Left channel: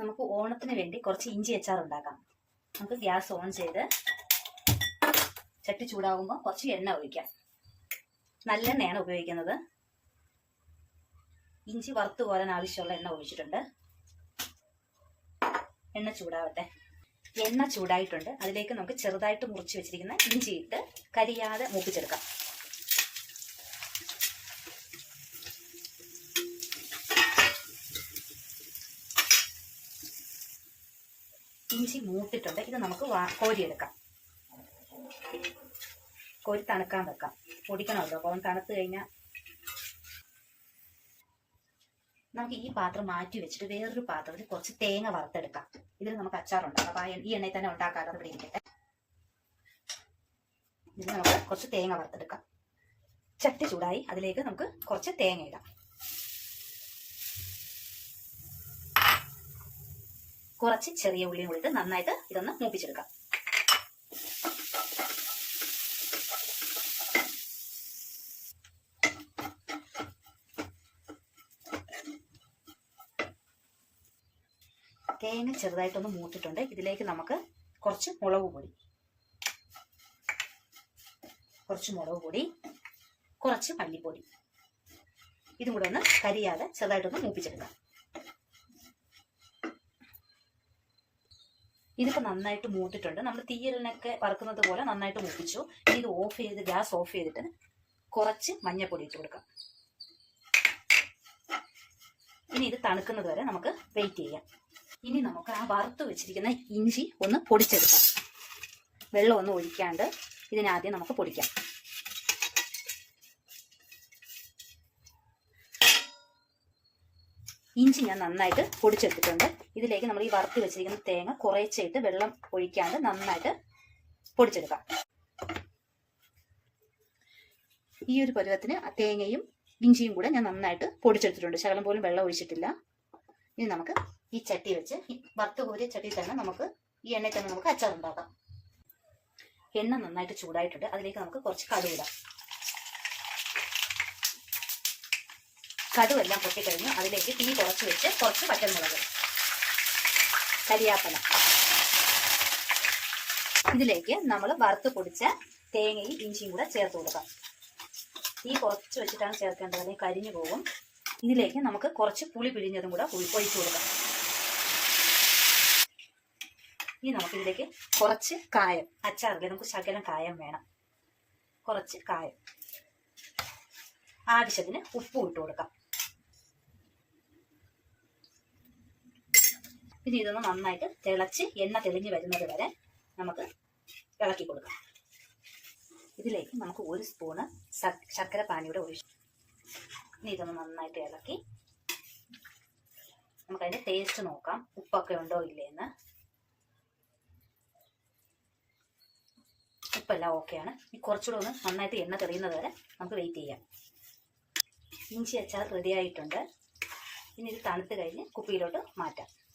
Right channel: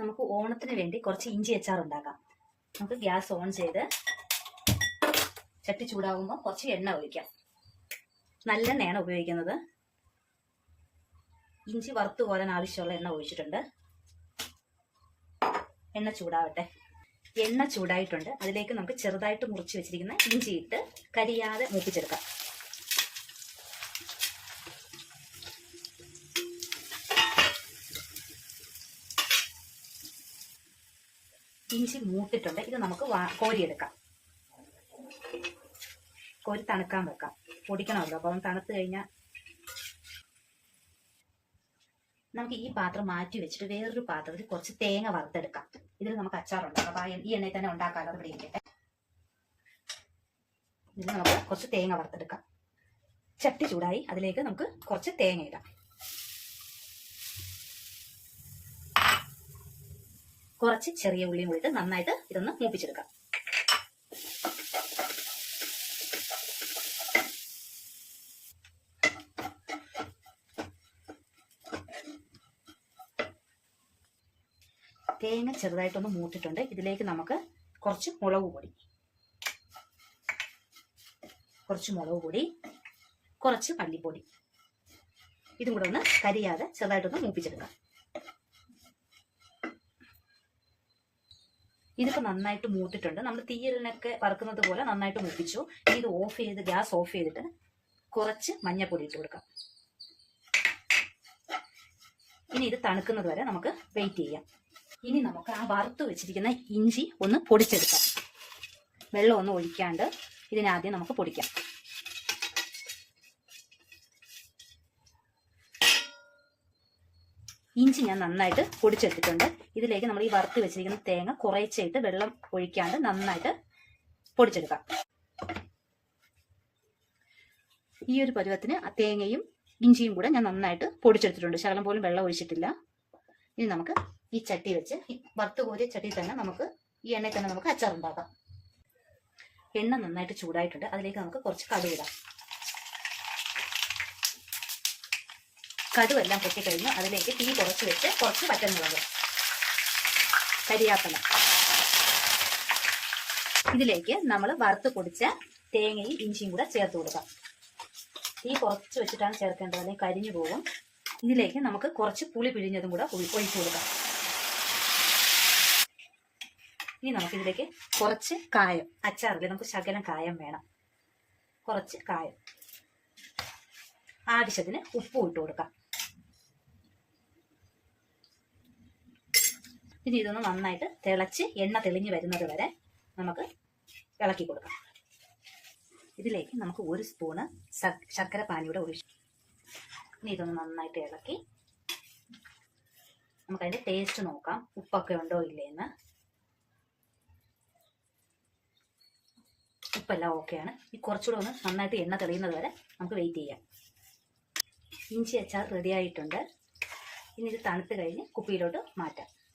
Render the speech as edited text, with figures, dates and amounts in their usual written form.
നമുക്ക് ഓണത്തിന് വേണ്ടി കുറച്ച് ഇഞ്ചി അച്ചാർ ഉണ്ടാക്കാം. നമുക്ക് ഗ്യാസ് ഓൺ ചെയ്ത് ചട്ടി ചൂടാകുമ്പോൾ കുറച്ച് എണ്ണ ഒഴിക്കാം. നല്ലെണ്ണയാണ് ഉപയോഗിക്കുന്നത്. ഇഞ്ചി വറുത്ത് കോരാൻ ആവശ്യമുള്ള എണ്ണ ഒഴിച്ചിട്ടുണ്ട്. എണ്ണ ചൂടാവട്ടെ. എണ്ണ ചൂടായിട്ടുണ്ട്. അതിലേക്ക് നമുക്ക് ചെറുതായിട്ട് മുറിച്ച് വെച്ചിരിക്കുന്ന ഇഞ്ചി ഇട്ട് കരിയാതെ മൂപ്പിച്ചെടുക്കാം. ഇഞ്ചി മൂത്തിട്ടുണ്ട്. ഇത് നമുക്ക് കോരിയെടുക്കാം. കോരി തണുക്കാൻ വെക്കാം. പൊടിക്കണമല്ലോ, അപ്പം തണുത്ത് കഴിഞ്ഞാൽ നമുക്ക് ഈ പാത്രം മാറ്റി വെച്ചിട്ട് വേറൊരു പാത്രത്തിൽ കുറച്ച് തേങ്ങ വറുത്തെടുക്കാം. ഇതിൽ നമുക്ക് അച്ചാറുണ്ടാക്കാം. അപ്പം ഈ എണ്ണയിൽ തന്നെ ഉണ്ടാക്കാമല്ലോ. ഇവിടെ ഇരിക്കട്ടെ. ഇതിൽ നമുക്ക് കുറച്ച് തേങ്ങ വറുത്തെടുക്കാം. ചട്ടി ചൂടായി. അതിലേക്ക് നമുക്ക് കുറച്ച് തേങ്ങ ഇടാം. കുറച്ച് ചെറിയ ഉള്ളിയും കൂടിയിട്ട് നന്നായിട്ട് ഇതൊന്ന് മൂപ്പിച്ചെടുക്കാം. തേങ്ങ ചെറുതായിട്ടൊന്ന് മൂത്തിട്ടുണ്ട്. ഇതിലേക്ക് നമുക്ക് കുറച്ച് മുളക് പൊടി, കുറച്ച് മല്ലിപ്പൊടി, ഇതും കൂടെ ഒന്ന് കരിയാതെ ചെറുതായിട്ടൊന്ന് മൂപ്പിച്ചെടുക്കാം. ഇതിപ്പോൾ നന്നായിട്ട് മൂത്തിട്ടുണ്ട്. നമ്മൾ തീയലിനൊക്കെ വറുക്കുന്നത് പോലെ നന്നായിട്ട് മൂപ്പിച്ചു. ഇത് ഓഫ് ചെയ്ത് ഗ്യാസ് ഓഫ് ചെയ്തിട്ട് കുറച്ച് മഞ്ഞൾപ്പൊടി ഇട്ട് കൊടുക്കാം. ഇനി ഇത് തണുക്കുന്നത് വരെ നമുക്ക് വെയിറ്റ് ചെയ്യാം. ഇനി നമുക്ക് ആ വറുത്ത് വെച്ചിരിക്കുന്ന ഇഞ്ചി ഒന്ന് പൊടിച്ചെടുക്കാം. വെള്ളം ഒന്നും ഒഴിക്കാണ്ട് ഇതിനാദ്യം നമുക്ക് പൊടിക്കാം. ഇഞ്ചി ഞാൻ നന്നായിട്ട് പൊടിച്ചെടുത്തിട്ടുണ്ട്. ഇതിലേക്ക് നമ്മൾ ഈ വറുത്ത് വെച്ചിരിക്കുന്ന തേങ്ങ കുറേശ്ശായിട്ട് വെള്ളം ഒഴിക്കാണ്ട് നന്നായിട്ട് പൊടിച്ചെടുക്കാം. ഈ ഒരു പരുവത്തിന് തേങ്ങയും ഇഞ്ചിയും കൂടെ ഞാൻ നന്നായിട്ട് പൊടിച്ചെടുത്തിട്ടുണ്ട്. ശകലം പോലും വെള്ളം ഒഴിച്ചിട്ടില്ല. ഇനി നമുക്ക് ഈ ചട്ടി വെച്ച് ഈ വറുത്ത് കോരിയ ചട്ടിയിൽ തന്നെ നമുക്ക് ഈ എണ്ണയിൽ തന്നെ നമുക്ക് അച്ചാർ ഉണ്ടാക്കാം. എണ്ണ നന്നായിട്ട് ചൂടായിട്ടുണ്ട്. അതിലേക്ക് നമുക്ക് കുറച്ച് കടുക് ഇടാം. കടുവെല്ലാം പൊട്ടിക്കഴിഞ്ഞ് അതിലേക്ക് തീ കുറച്ച് വെച്ച് കുറച്ച് പച്ചമുളക്, കരിയാപ്പല, ഇതിലേക്ക് നമ്മൾ വറുത്ത് പൊടിച്ച തേങ്ങയും ഇഞ്ചിയും കൂടെ ചേർത്ത് കൊടുക്കാം. തീ കുറച്ച് വെച്ചിട്ടാണ് ചേർക്കേണ്ടത്, അല്ലെങ്കിൽ കരിഞ്ഞു പോകും. ഇതിലേക്ക് നമുക്ക് കുറച്ച് പുളി പിഴിഞ്ഞതും കൂടെ ഒഴിച്ചു കൊടുക്കാം. ഇനി നമുക്കിതിലേക്ക് കുറച്ച് കായം, അച്ചാറിൽ നമുക്ക് ശകലം കായം വേണം, കുറച്ച് കായം, ആവശ്യത്തിന് ഉപ്പും ഇട്ട് കൊടുക്കാം. ഇനി ഇതൊന്ന് നന്നായിട്ട് തിളച്ച് എണ്ണ തെളിഞ്ഞ് വരുന്നത് വരെ നമുക്ക് ഇളക്കി കൊടുക്കാം. ഇതിലേക്ക് നമുക്ക് 1 സ്പൂണ് ശർക്കര പാനിയുടെ ഒഴിച്ചു. ഇനി ഇതൊന്ന് നന്നായിട്ട് ഇളക്കി നമുക്കതിൻ്റെ ടേസ്റ്റ് നോക്കാം, ഉപ്പൊക്കെ ഉണ്ടോ ഇല്ലേന്ന്. ഉപ്പെല്ലാം ഓക്കെയാണ്. ഈ കുറച്ചുകൂടെ ഒന്ന് നന്നായിട്ട് എണ്ണ തെളിയുന്നത് വരെ നമുക്ക് വെയിറ്റ് ചെയ്യാം. ഇഞ്ചി അച്ചാർ റെഡി ആയിട്ടുണ്ട്. ഇനി ഇത് തണുത്ത് കഴിഞ്ഞ് കുപ്പിയിലോട്ട് മാറ്റാം.